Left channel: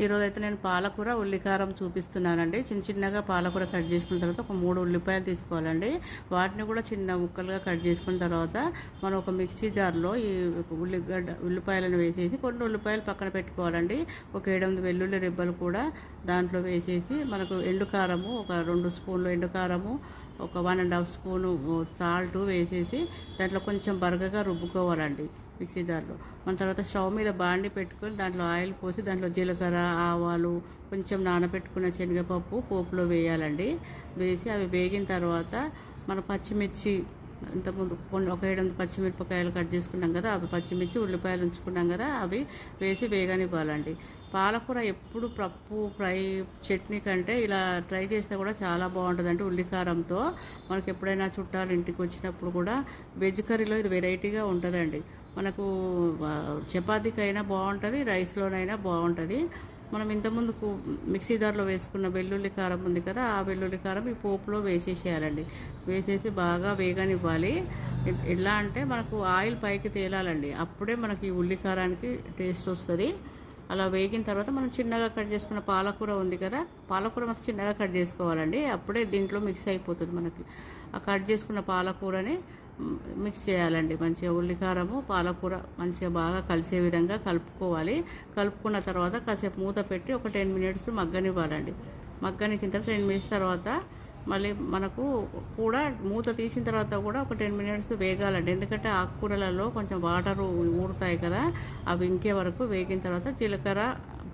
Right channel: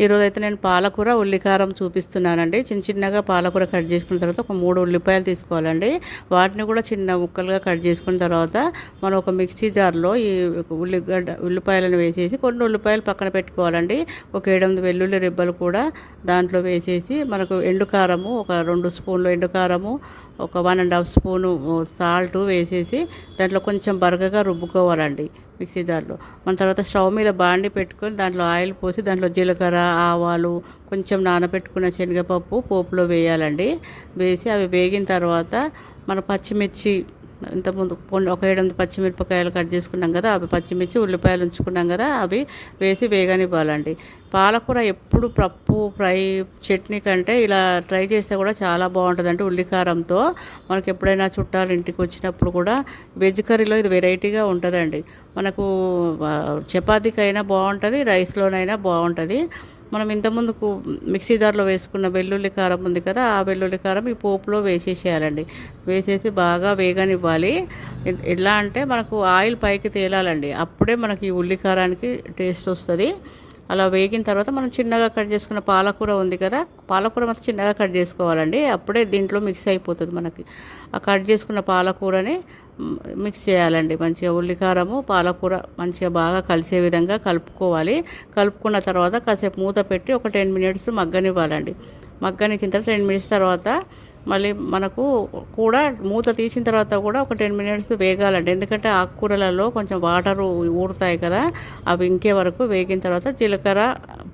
ఈరోజైతే నేను పాలకూర ఉల్లికారం చూపిస్తున్నానండి. చిన్న చిన్నగా పాలకూర కట్ చేసుకున్న తర్వాత ఒక మూడు ఉల్లిపాయలు తీసుకోవాలండి. వాటిని కూడా చిన్న ముక్కలుగా కట్ చేసుకున్న తర్వాత మనం ఒక మిక్సీ జార్లో ఈ ఉల్లిగడ్డ ఉల్లిపాయలను వేసేసి కొన్ని ఉల్లిపాయలు పక్కన పెట్టుకోవాలండి. ఒక ఏడెనిమిది వెల్లుల్లి రిబ్బలు కూడా దాంట్లో వేసేసి మనకు ఎండుకారము ఒక రెండు స్పూన్లు ఎండుకారము ఒక one and half spoon salt వేసేసి దాంట్లో కొంచెం బరగగా రుబ్బుకోవాలండి మిక్సీ దాంట్లో. మన తర్వాత స్టవ్ మీద బాండి పెట్టుకొని దాంట్లో ఆయిల్ పోసి దాంట్లో జీలకర్ర ఆవాలు కొంచెం నానబెట్టుకున్న శనగపప్పు పోపులో వేయాలండి. వేసి అవి వేగిన తర్వాత మన పచ్చిమిర్చి ఇంతకుముందు కొన్ని ఒక ఏడెనిమిది పచ్చిమిరపకాయలు కట్ చేసుకున్నాం కదా అవి పచ్చిమిర్చి ఉల్లిపాయలు ఉంచుకున్నాం కదా అవి వేసి వేగనివ్వాలండి. పాలకూర ఎప్పుడు పప్పు ఫ్రై చట్నీ కంటే ఇలా ట్రై చేస్తే కూడా చాలా బాగుంటుంది అంటే ఉల్లికారంతో. మనకి ఎప్పుడైనా చుట్టాలు ఇంటికి వచ్చినప్పుడు కూడా వెజ్ కర్రీలో ఇది వెరైటీగా ఉంటుందండి. మనకు చపాతీకైనా బాగుంటుంది రైస్లోనైనా బాగుంటుంది. మనం ఇంతకుముందుకు మిక్సీ జార్లో వేసుకున్న వెల్లుల్లి కారం ఉంది కదా ఆ వెల్లుల్లి కారం ఈ పోపులో వేసేసేయాలండి. వేసేసి బాగా వేగనివ్వాలి. ఎలా అంటే మనకు ఆయిల్ పైకి తేలాలండి. అప్పుడే మనకి ఈ ఉల్లి కారానికి టేస్ట్ వస్తుంది. అలా వేగిన తర్వాత మనం చిన్నగా కట్ చేసుకున్న పాలకూర ఉంది కదా పాలకూర మనం చిన్నగా కట్ చేసుకోవాలండి. అప్పుడే దీంట్లో మిక్స్ అయిపోతుంది మనకి. ఆ కట్ చేసుకున్న పాలకూరని మిక్స్ చేయాలండి. మంచిగా ఉల్లికారము పాలకూర మంచిగా బాగా కలిసే విధంగా కలుపుకోవాలి. కలుపుకున్న తర్వాత కాసేపు మూత పెట్టి ఒక టెన్ మినిట్స్ మగ్గనివ్వాలండి. మగ్గనిచ్చిన తర్వాత టెన్ మినిట్స్ తర్వాత మళ్ళీ మనకు కూడా మూత తీసిన తర్వాత కూడా ఒక టెన్ మినిట్స్ వేగాలండి. ఎందుకంటే ఆకుకూరలలో కొంచెం వాటర్ ఊరుతాయి కదా అవి ఇంకే వరకు వేగిన తర్వాత జీలకర్ర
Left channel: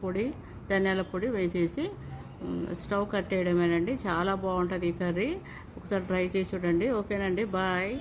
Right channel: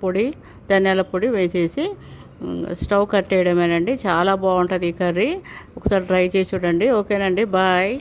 పొడి ధనియాల పొడి వేసేసి స్టవ్ కట్టేయడమేనండి. చాలా బాగుంటుంది ఈ కర్రీ. ఒకసారి ట్రై చేసి చూడండి. ఓకేనండి. బాయ్.